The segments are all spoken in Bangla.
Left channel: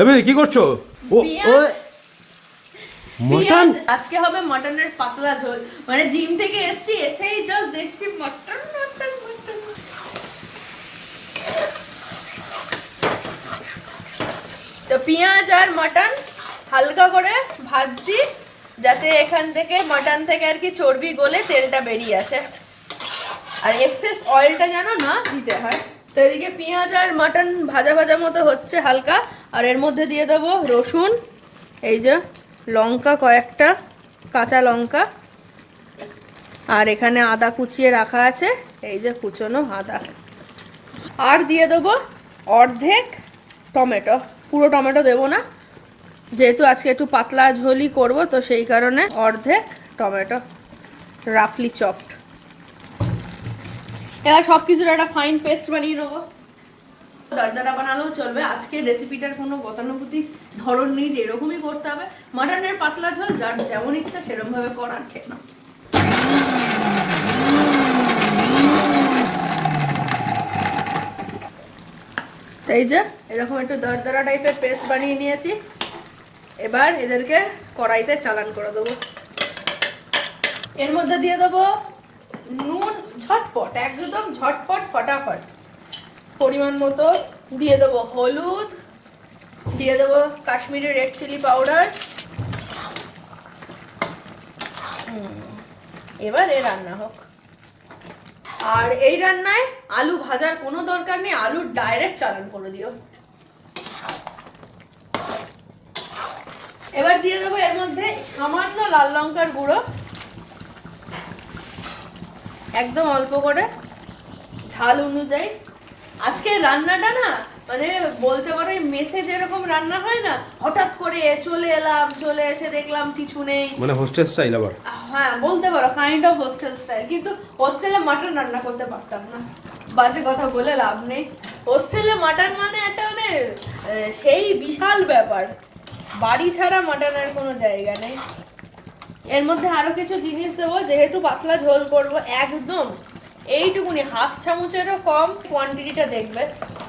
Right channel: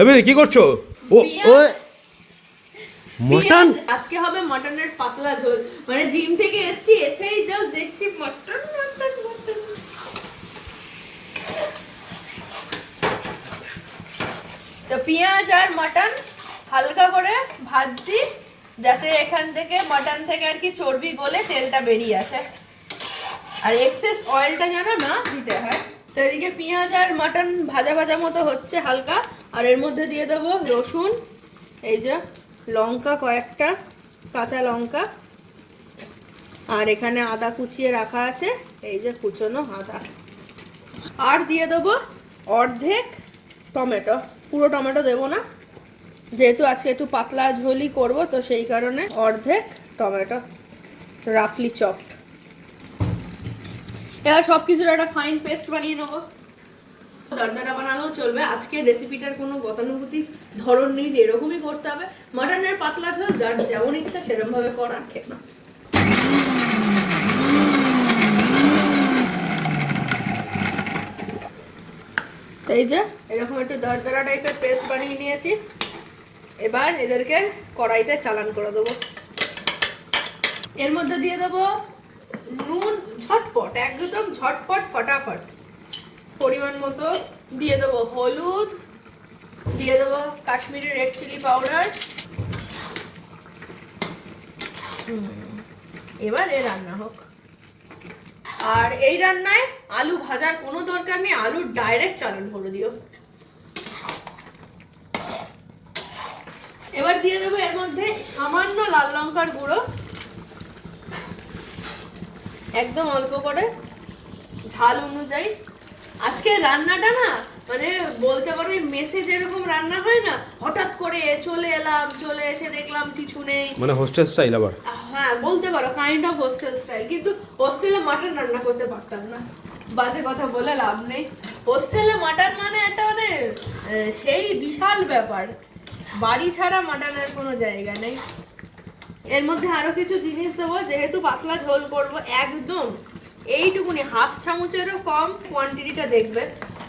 এবে কি করছো? ও ও মটন আজকে হবে মটনের পাতলা ঝোল। মানে জিম থেকে এসেছি, এসেই জাস্ট দেখছি মটন মটন মটন। তো পেঁয়াজ আর মটন হালকা করে ভাজছি, যাতে এখান থেকে মটন থেকে আর কি চর্বি গলে তেলটা বেরিয়ে আসে, আর এক্সেস অয়েলটা যেন না দিতে হয়। তো এদিকে পেঁয়াজ আর মটন ভাজা ভাজা মতো হচ্ছে হালকা, আর এর মধ্যে দিয়ে দেবো রসুন, এই যে লঙ্কা কয়েকটা, কাঁচা লঙ্কা, আর এখানে আদা কুচিয়ে রাখা আছে, এই যে কুচনো আদা, আর দিয়ে দেবো অর্ধেক টমেটো। পুরো টমেটো দেবো না, যেহেতু আজকে একটু পাতলা ঝোলই করব, তো সেই কারণে অর্ধেক টমেটো রাফলি চপড। এবার সব কিছুর একটা ফাইন পেস্ট বানিয়ে নেবো। দরদরা বানালেও চলবে, আজকে রেসিপিটার কোনো গতানুগতিক ধরন নেই যে এরকমই করতে হবে। মটনের পাতলা ঝোল যার যেমন ইচ্ছা সেরকম ভাবে করার, খেয়ে না। এই যে এরকম একটু দরদরা টাইপের পেস্ট বানিয়ে নিয়েছি। এবার এদেরকে কড়াইতে চালান করে দেবো। এর মধ্যে দিয়ে দেবো নুন, ঝটপট, একদম ঝটপট ফটাফট। পরিমাণ মতো দিয়ে দেবো হলুদ, দিয়ে দেবো কাশ্মীরি রেড চিলি পাউডার। এবার এই রান্না হোক। আর এই রান্নায় আলু ভাজার কোনো দরকার নেই, আলু ডাইরেক্ট চালান করে দিও। এবার দিয়ে দেবো এর মধ্যে সামান্য লাল লঙ্কার গুঁড়ো, একদম অল্প করে, ঝাল অনুযায়ী। আজকে রান্নাটা না মানে বলতে পারো মেসে যেরকম রান্না হয় না, হঠাৎ করে চলে এলাম, চলে এসে দেখলাম কিছু নেই, মানে হোস্টেল স্টাইল। আবার হ্যাঁ বলতে পারো কাইন্ড অফ হোস্টেল স্টাইল। কিন্তু হোস্টেলে মাটন রান্না করতে পারতাম না, বাজে কথা বলে লাভ নেই। হোস্টেলে মাটন মানে একটা মানে সেই বিশাল ব্যাপার, বাড়ি ছাড়া মাটনের কোনো জায়গা নেই। এর মধ্যে আরো কিছু জিনিস দেবো, যেহেতু পাতলা ঝোল করবো, একদম এইটুকুনি, হাফ চামচেরও কম কোয়ান্টিটিটা দেখবে।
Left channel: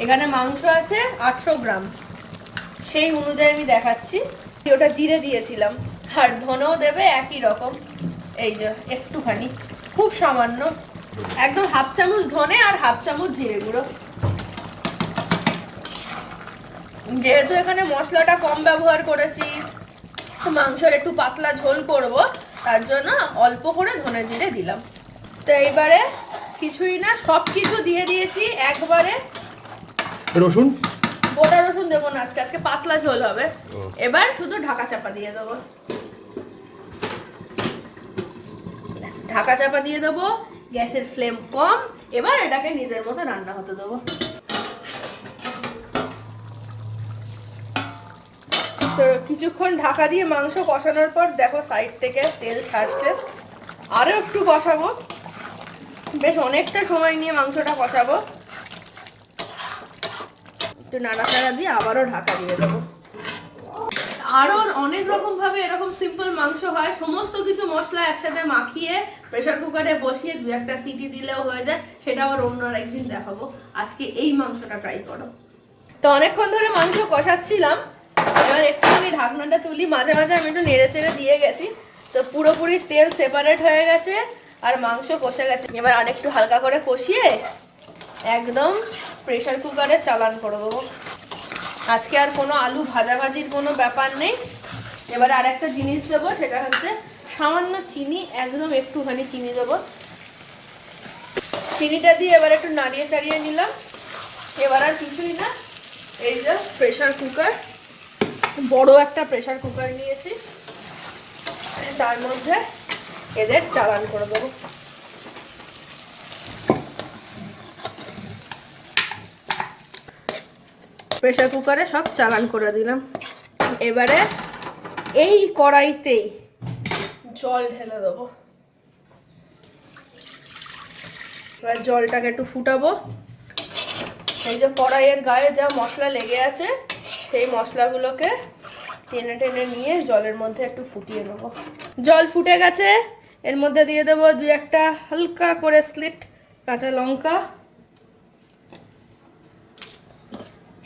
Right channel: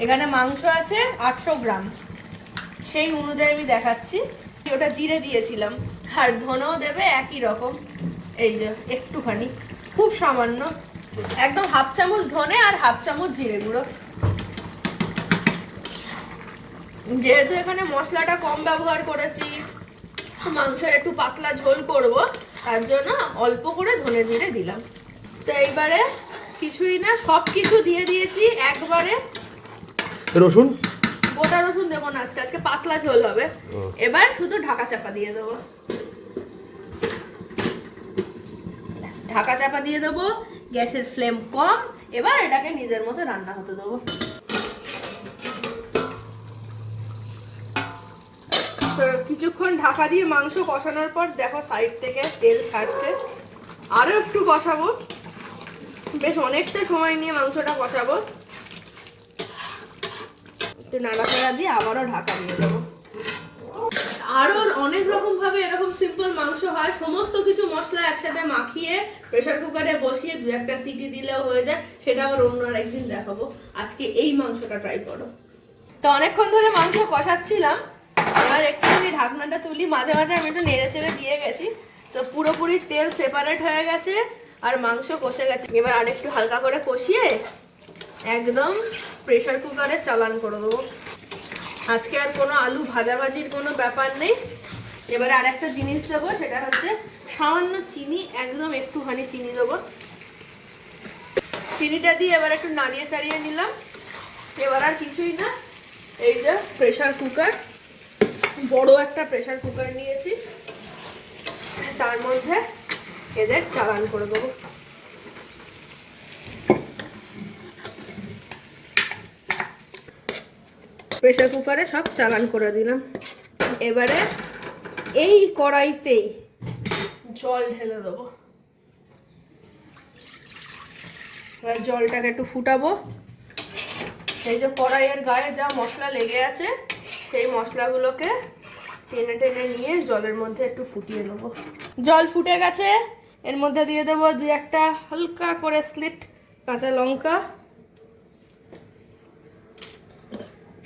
এখানে মাংস আছে 800 গ্রাম, সেই অনুযায়ী আমি দেখাচ্ছি। ওটা জিরে দিয়েছিলাম, আর ধনেও দেবে একই রকম, এই যে একটুখানি, খুব সামান্য, একদম হাফ চামচ ধনে আর হাফ চামচ জিরে গুঁড়ো। যেহেতু এখানে মশলাটা কম ব্যবহার করেছি, মাংসের একটু পাতলা ঝোল করব, তার জন্য অল্প করে ধনে জিরে দিলাম। তো এইবারে কিছুই না, সব কিছু দিয়ে দিয়েছি একবারে। রসুন, গোটা রসুন দেবো না আজকে, আজকে পাতলা ঝোল হবে। এবার শুধু ঢাকা চাপা দিয়ে দেবো, ঢাকা চাপা দিয়ে দেবো, গ্যাসের ফ্লেম কম। এবার এটাকে নিজের মতো রান্না হতে দেবো। তো কিছুক্ষণ ঢাকা দিয়ে মাংস কষানোর পর দেখো সাইড থেকে তেল ছাড়ছে। আরো একটু কষাবো, বেশ অনেকটা সময় নিয়ে মাংসটা কষাবো। একটু নাড়াচাড়া দিয়ে আবারও ঢাকা দিয়ে দেবো। আরো অনেক রকম ভাবে এরকম সিম্পল মাংস হয়, সমস্ত কিছু মশলা একসাথে মাখিয়ে প্রেসার কুকারে বসিয়ে 2-1টা সিটি দিলেও হয়ে যায়, সেটা আবার অন্য একদিন দেখাবো। আজকে এই মাংসটা ট্রাই করো। তো অনেকক্ষণ ধরে মাংস কষাচ্ছিলাম, এবার একটুখানি ঢাকনাটা তুলি, মাঝে মাঝে আমি একটু নেড়ে চেড়ে দিয়ে গেছি। তো পুরোপুরি তেল সেপারেট হয়ে গেছে আর মাংস কষে গেছে। এবার আরেকটু হালকা করে কষিয়ে একদম প্রেসার কুকারে চালান করে দেবো। আজকে আর কোনো আলু ভাজাভাজির কোনো ব্যাপার নেই। এবারে আরেকটা জিনিস দেবো, সেটা হচ্ছে সামান্য চিনি, একদম একটুখানি চিনি দেবো। চিনিটা দিয়ে এবার একটু নাড়িয়ে চাড়িয়ে নিলাম। এবার আর কিছুই না, এই যে প্রেসার কুকার, বড় একটা প্রেসার কুকার নিয়েছি, তার মধ্যে এদের চালান করে দেবো। প্রেসার কুকারে সব চালান করে দিলাম। এবারে এই কড়াইতেই জল ঢেলে দেবো। এবার জলটাকে একটু ফুটাবো। এই যে কড়াইয়ের গায়ে যা মশলা লেগে আছে, সেই মশলাগুলোকে টেনে টেনে নিয়ে জলের মধ্যে একটু ফুটিয়ে নেবো। জল ফুটে গেছে, এর মধ্যে দিয়ে দেবো 2-1টা হালকা করে স্লিট কাঁচা লঙ্কা,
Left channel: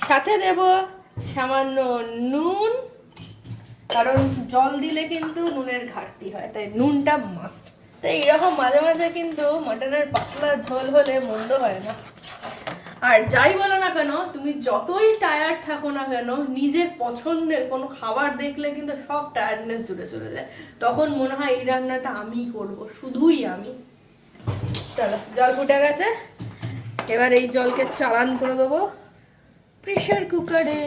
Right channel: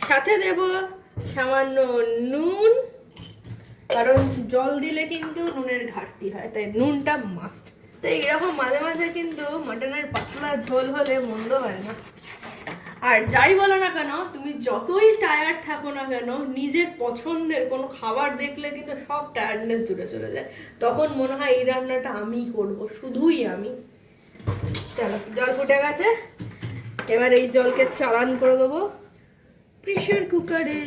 সাথে দেব সামান্য নুন, কারণ জল দিলে কিন্তু নুনের ঘাটতি হয়, তাই নুনটা মাস্ট। তাই এরকম মাঝে মাঝে কিন্তু মটনের পাতলা ঝোল হলে মন্দ হয় না। আর যাই বলো না কেন, তুমি যতই টায়ার্ড থাকো না কেন, নিজের পছন্দের কোনো খাবার দেখলে কিন্তু সব টায়ার্ডনেস দূরে চলে যায়। তখন মনে হয় এই রান্নাটা আমিই করবো, শুধুই আমি। চলো, জল ফুটে গেছে, এবার এই জলকে চালান করে দেবো প্রেশার কুকারে।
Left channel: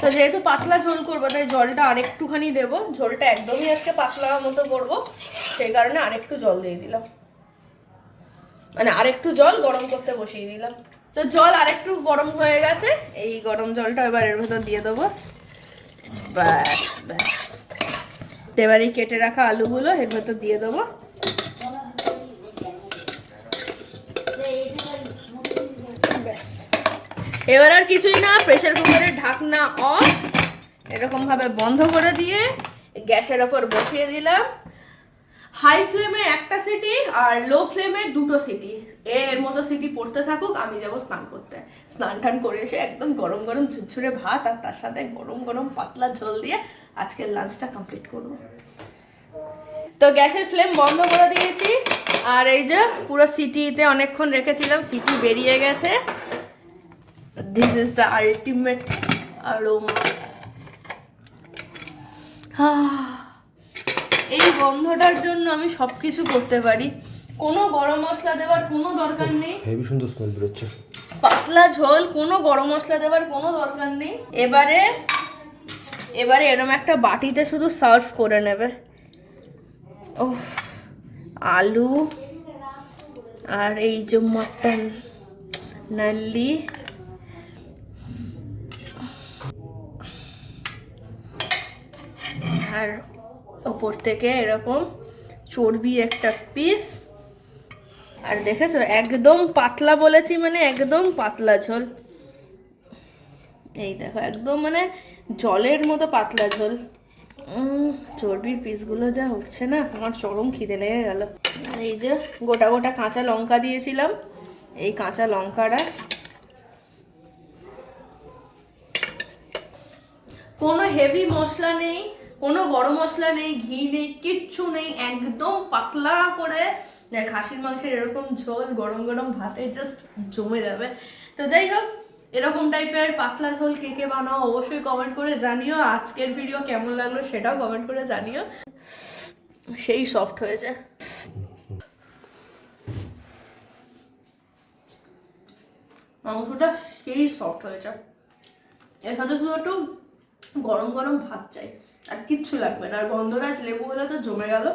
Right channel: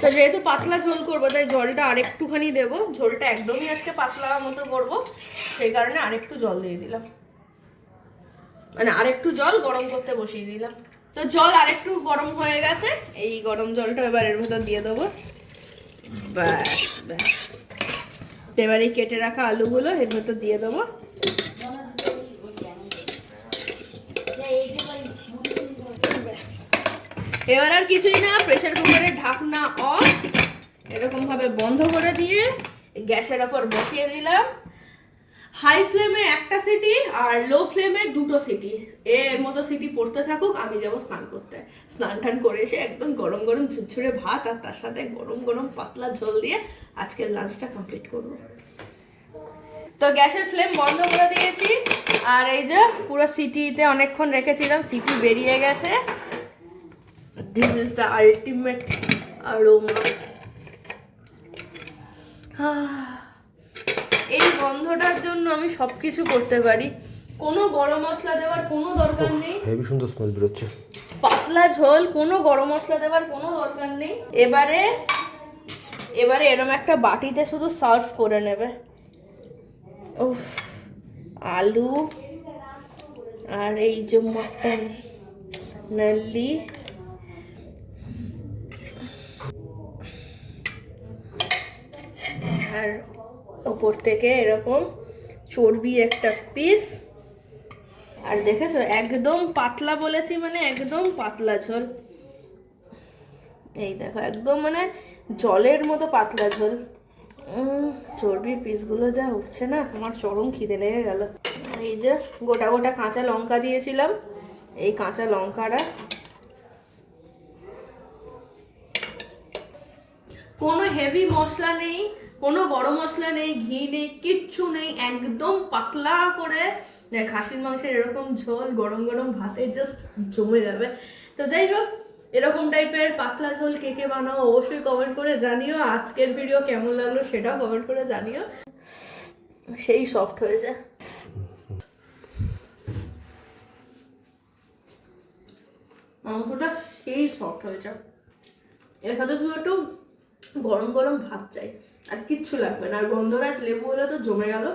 তো যেহেতু পাতলা ঝোল করবো, তাই জলটা আরেকটুখানি দেবো। ঝোলটা একদমই আজকে পাতলা মতো করবো, সেই কারণে আরেকটু জল দিয়ে দিলাম, মানে আরেকটু জল গরম করতে বসিয়ে দিলাম। তো জল আরেকটু গরম হয়ে গেছে, এই গরম জলটা এবার এর ভেতর দিয়ে দেবো। ব্যাস ব্যাস, এবার এই কেটে রাখা আলুগুলো এর ভেতর দিয়ে দেবো। ব্যাস, এবার আর কিছুই না, প্রেসার কুকারের ঢাকনা অফ, এরকম ভাবে বন্ধ করে দিয়ে গ্যাসের ওপর বসিয়ে দিলাম। হাই ফ্লেমে একটা সিটি আর লো ফ্লেমে দুটো সিটি, এর মতো সিটি পড়তে থাকুক, আমি যাবো স্নান করতে। স্নান টান করে এসে একদম গরম গরম ঝুরঝুরে ভাত আর তার সাথে গরম গরম পাতলা ঝোল দিয়ে আজকের লাঞ্চটা কমপ্লিট করবো। তো গ্যাসের ফ্লেম বন্ধ করে দিয়েছি, আর এই যে পুরো সিটিতে অনেকক্ষণ রেখেছিলাম, সিটি বেরিয়ে গেছে। This is the ultimate aroma. এই গন্ধটার জন্য আমি সবকিছু করতে পারি। কোনো গরম মশলা দেওয়ার কোনো দরকার নেই, হেভি সুন্দর স্মেল বেরোচ্ছে। পাতলা ঝোল, কোনো গরম মশলা দেওয়ার কোনো দরকার নেই। এবারে এরম একটা বাটিতে শুধু সার্ভ করে নেবে। ওহ, আলু আর এই যে মটন নাল্লি, আর উপর থেকে এরকম চর্বি একটা পিস। আর দেখেছো, একদম পাতলা বলেছি, মানে একদম পাতলা ঝোল। এই দেখো, একদম মানে জলের মতো পাতলা ঝোল। চর্বির পিসগুলো যা উঠছে না, আমার চরম খিদে লেগে গেল। এই যে গোটা গোটা কাঁচা লঙ্কা দিয়েছিলাম, এই কাঁচা লঙ্কাটা, কোনো হেভি মশলা নেই, কোনো গরম মশলা নেই, ঘি নেই, কিচ্ছু নেই, একদম পাতলা করে খাসির মাংসের এরকম ঝোল গরম গরম ভাতে জাস্ট জমে যাবে। তো যাই হোক, এরকম টাইপের পাতলা ঝোল কে কে বানাও অবশ্যই কমেন্ট করে জানিও। আজকের ভিডিও কেমন লাগলো সেটাও কমেন্ট করে জানিও। সেই সফট হয়েছে, মাংসটা সেই সফট হয়েছে। এর সাথে শুধু একটু গরম গরম ভাত চাই, আর কিচ্ছু লাগবে না। আর গন্ধরাজ লেবু হলে তো জমে গেল,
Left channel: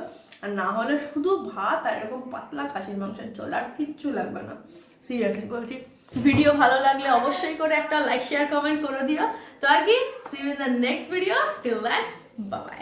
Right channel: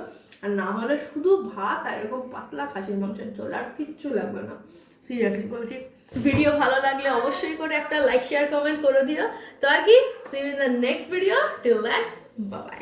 আর না হলে শুধু ভাত আর এরকম পাতলা খাসির মাংসের ঝোল, আর কিচ্ছু লাগবে না। সিরিয়াসলি বলছি। ভিডিও ভালো লাগলে অবশ্যই করে একটা লাইক শেয়ার কমেন্ট করে দিও। তো আর কি, see you in the next video, till that bye by.